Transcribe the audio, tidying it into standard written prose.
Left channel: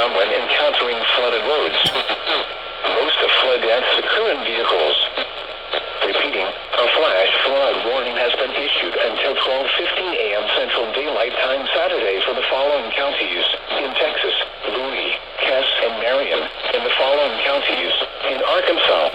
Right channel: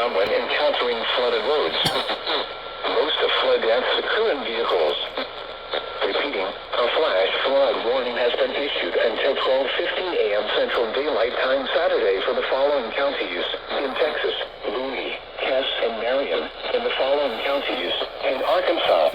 down when encountering flooded roads. Most flood deaths occur in vehicles. Repeating, a flash flood warning has been issued until 12:15 a.m. Central Daylight Time Saturday for the following counties in Texas: Bowie, Cass, and Marion. In the following counties in Arkansas: